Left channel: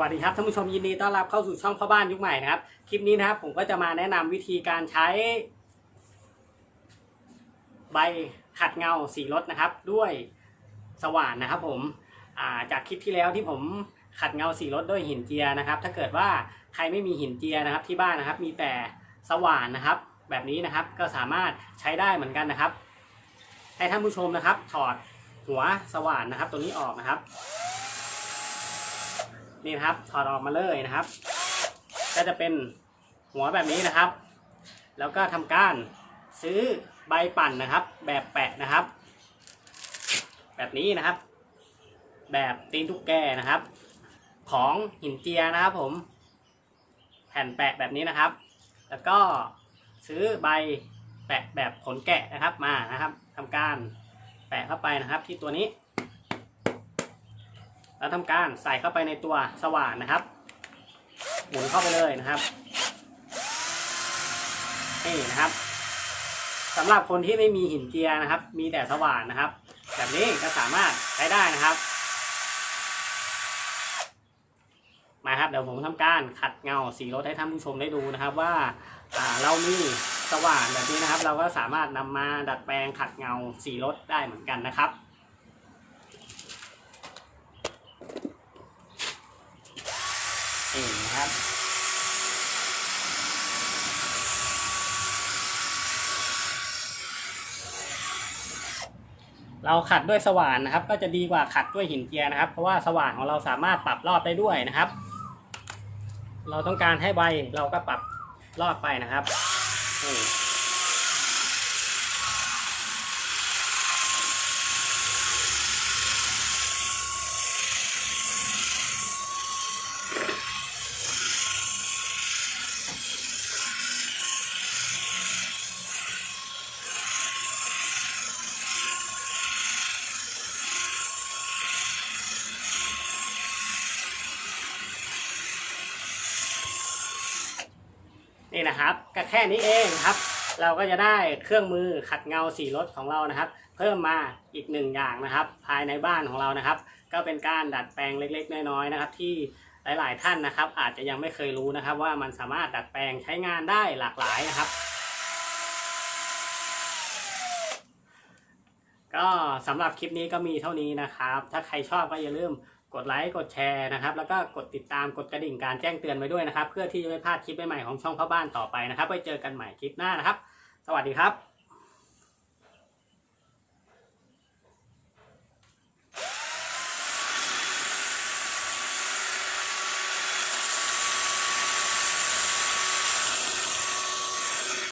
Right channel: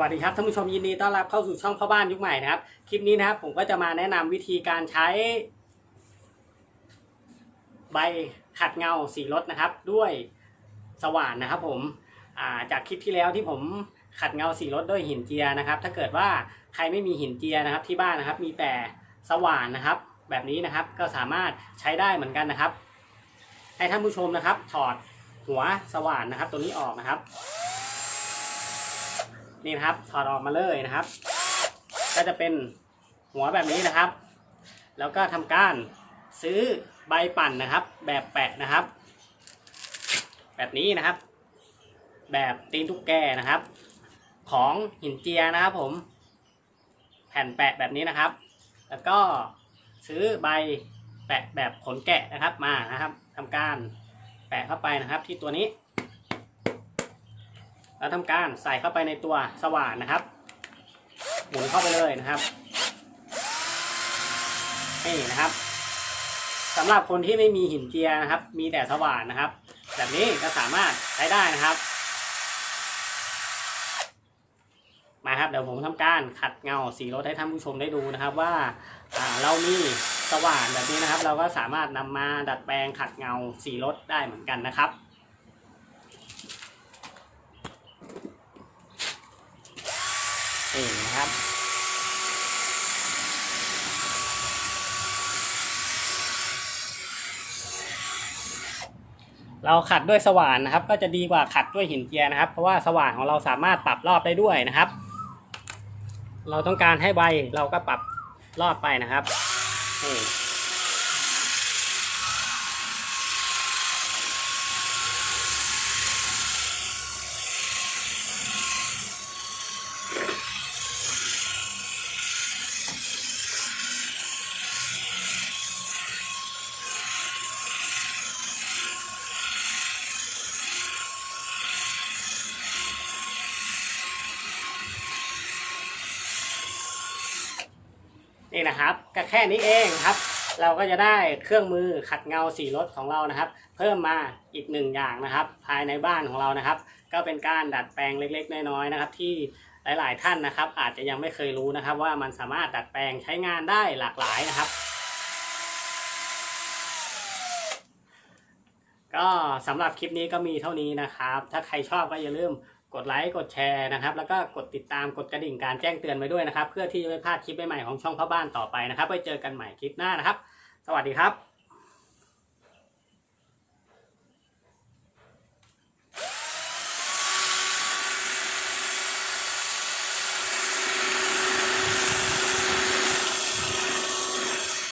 วัสดีครับท่านผู้ชมยินดีต้อนรับเข้าสู่ช่องพ่อบ้านยุคใหม่นะครับ คลิปนี้นะครับผมก็จะมาแนะนำวิธีการใช้ ใบขัดเงาสีรถนะครับ ด้วยสว่านนะครับ ผมาจากคลิปที่แล้วที่ผมขัดเงาสีรถด้วยหินเจียนะครับ ถ้าเกิดว่าใครไม่มีหินเจียนะครับ ที่บ้านนะครับ มีแต่สว่านนะครับ แบบนี้นะครับก็สามารถใช้ได้เหมือนกันนะครับ ให้ท่านผู้ชมนะครับ ถอดหัวสว่านนะครับ ตัวนี้ออกนะครับ นี่นะครับถอดออกมาเลยนะครับ ก็จะเป็นหัวแบบนี้นะครับ แล้วก็ทำการซื้อใบปั่นนะครับ แบบแปะนะครับ แบบนี้นะครับ แบบตีนทุกแกนะครับ ของหินเจียนะครับผม แผ่นแปะแบบนี้นะครับ แล้วก็ซื้อใบแปะแบบขนแกะนะครับมานะครับทำการแปะเข้าไปนะครับที่ตัวนี้ แล้วทำการใส่เข้าไปในตัวสว่านนะครับ หมุนเข้าไปเลยนะครับนี่นะครับสำหรับคนที่ไม่มีหินเจียนะครับ มีแต่สว่านนะครับ แบบนี้ก็สามารถใช้ได้นะครับ มาครับเดี๋ยวผมทำการขัดเงาสีรถให้ท่านผู้ชมได้ดูนะครับว่าเรามีสว่านแบบนี้นะครับ เราก็สามารถนำมาดัดแปลงขัดเงาสีรถได้เหมือนกันนะครับ นี่ นะครับเราขัดด้วยสว่านนะครับ ก็จะดีกว่าขัดด้วยหินเจียนะครับ เพราะว่าสว่านของเราสามารถปรับรอบได้ด้วยนะครับ เราต้องการให้ใบเราก็ปรับรอบไปนะครับนี่ นี่นะครับก็แค่นี้เองครับ เราก็จะได้เครื่องมือขัดเงาสีรถของเรานะครับ เพิ่มมาอีกหนึ่งอย่างนะครับ ภายในบ้านของเรานะครับ ก็เป็นการดัดแปลงเล็กๆ น้อยๆนะครับ ที่หลาย ๆ ท่านนะครับ อาจจะยังไม่เคยรู้นะครับ ว่ามันสามารถดัดแปลงใช้งานได้หลากหลายนะครับก็สำหรับคลิปนี้ก็มีเท่านี้นะครับ ถ้าใครชอบก็อย่าลืม กดไลค์กดแชร์นะครับ แล้วก็กดติดตามกดกระดิ่งการแจ้งเตือนไว้ด้วยนะครับ เพื่อที่จะไม่พลาดคลิปใหม่ๆของช่องพ่อบ้านต่อไปนะครับไว้เจอกันใหม่คลิปหน้านะครับ สวัสดีครับ